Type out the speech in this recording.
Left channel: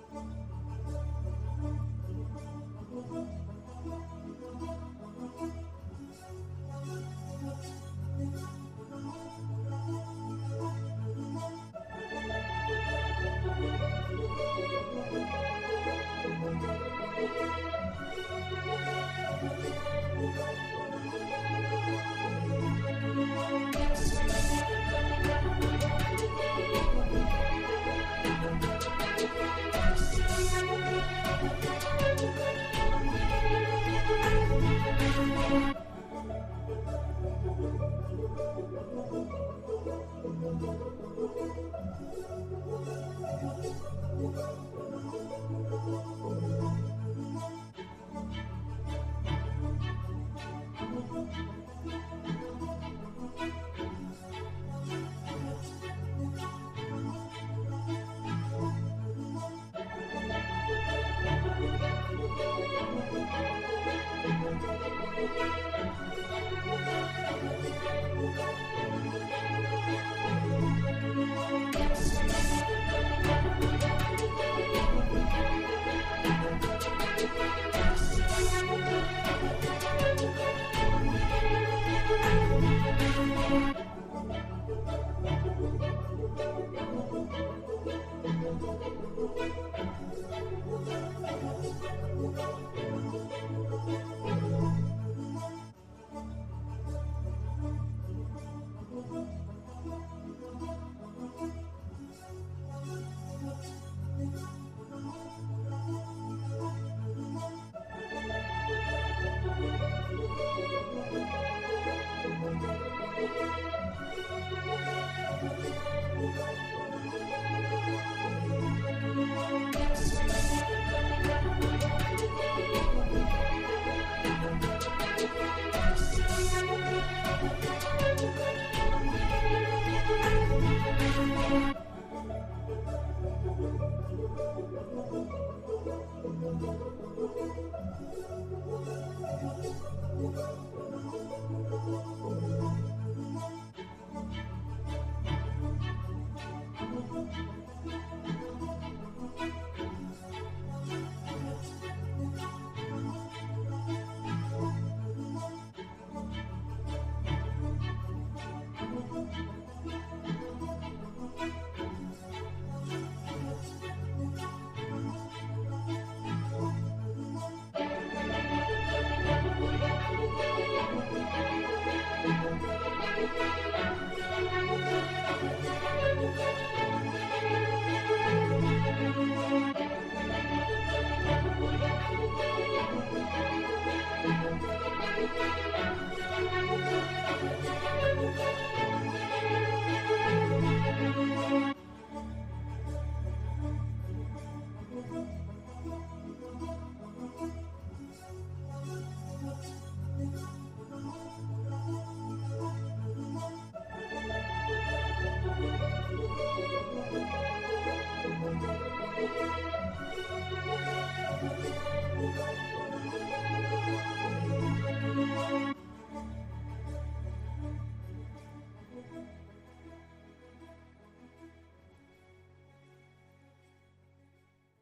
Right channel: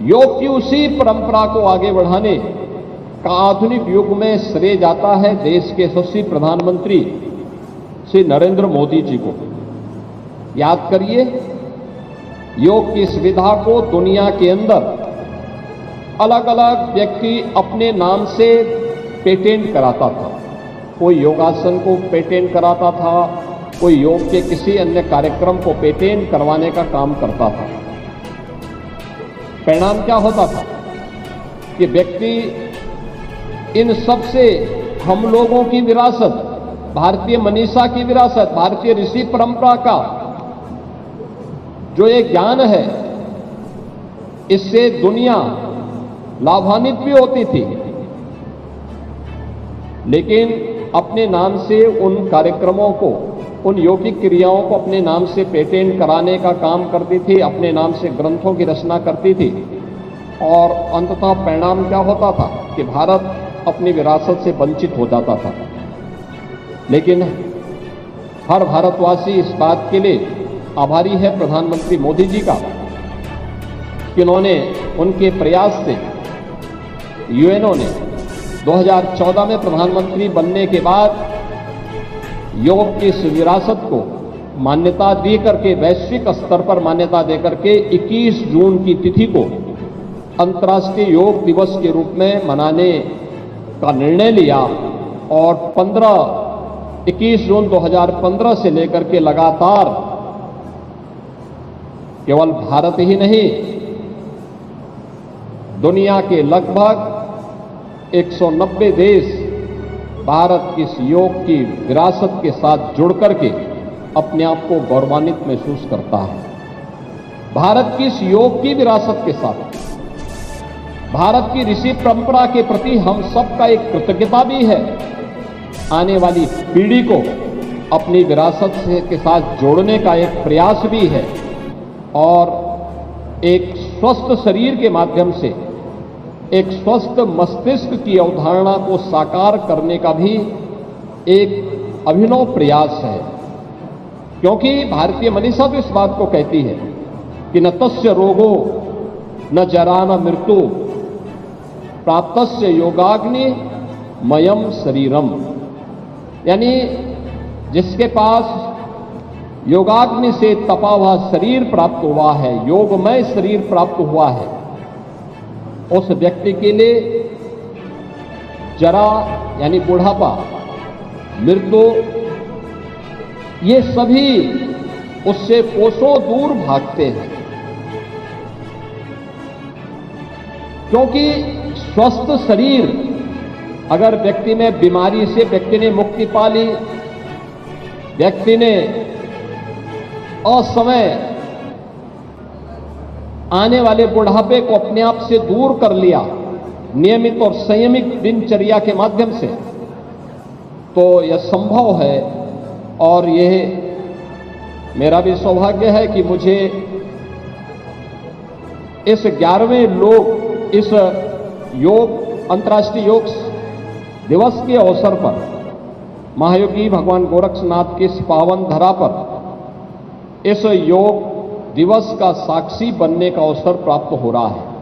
योग की उसी परंपरा को आगे बढ़ाने का आधुनिक युग में श्रेय जाता है देश के यशस्वी प्रधानमंत्री श्री नरेंद्र मोदी जी को। याद करिए, योग की सुविधा को दुनिया के अंदर अलग अलग व्यक्ति अपने नाम से पेटेंट कराता था। कोई योगासन को पेटेंट कराता था, कोई योग के किसी अन्य कार्यक्रम को पेटेंट करवाने का काम करता था। परिणाम क्या होता था कि व्यक्ति इन सब से हम लोगों की विरासत, भारतीय मनीषा की विरासत, भारतीय ऋषि परंपरा का जो एक ज्ञान है, इससे दुनिया लाभान्वित भी होती थी, लेकिन अपने नाम से उन कार्यक्रमों को, उन यौगिक क्रियाओं को अपने नाम से पेटेंट कराने का काम करती थी, अपने नाम से ग्रंथों की रचना करती थी। और अंततः परिणाम क्या होता था कि भारत अपनी विरासत से वंचित हो जाता था। लेकिन हर भारतवासी इस बात के लिए आभारी है प्रधानमंत्री मोदी जी का कि उन्होंने, उनके प्रयास से यूएनओ ने 2014 में प्रधानमंत्री बनने के बाद योग की इस विरासत को मान्यता दे करके, वैश्विक स्तर पर मान्यता दे करके 21 जून की तिथि को अंतर्राष्ट्रीय योग दिवस के रूप में मनाने का निर्णय लिया। और 21 जून 2015 से लेकर के लगातार केवल भारत ही नहीं, दुनिया के लगभग 190 देश भारत की इस योग की विरासत के साथ जुड़ करके अपने आप को गौरवान्वित महसूस करता है। भारत की इस योग की विरासत के साथ भारत की ऋषि परंपरा के प्रति हम सबका एक कृतज्ञता भी है। आने वाली पीढ़ी को अपनी विरासत के साथ जोड़ने का एक प्रयास भी है और एक स्वस्थ शरीर के माध्यम से एक स्वस्थ मस्तिष्क की अवधारणा को साकार करने का भी एक अभिनव प्रयास है। क्योंकि भारतीय मनीषा तो इस बात को कहती है कि न तस्य रोगो न जरा न मृत्यु प्राप्तस्य योगाग्नि मयम शरीरम, यानी जिसके पास योगाग्नि से तपा हुआ शरीर प्राप्त हुआ है, योगमय शरीर प्राप्त हुआ है, उस व्यक्ति के लिए जरा यानी बुढ़ापा, मृत्यु, ये सभी उससे कोसों दूर भागते हैं। क्योंकि स्वस्थ शरीर, अगर व्यक्ति में बीमारी से व्यक्ति ने मुक्ति पा ली, व्यक्ति ने असमय आने वाले बुढ़ापे को अपने आप से दूर कर लिया नियमित और संयमित दिनचर्या के माध्यम से, तो यह संभव है। और यह मेरा भी सौभाग्य है कि मुझे इस 11वें इस योग अंतर्राष्ट्रीय योग दिवस के अवसर पर महायोगी भगवान गोरक्षनाथ की इस पावन धरा पर इस योग दिवस का साक्षी बनने का अवसर प्राप्त हो रहा है।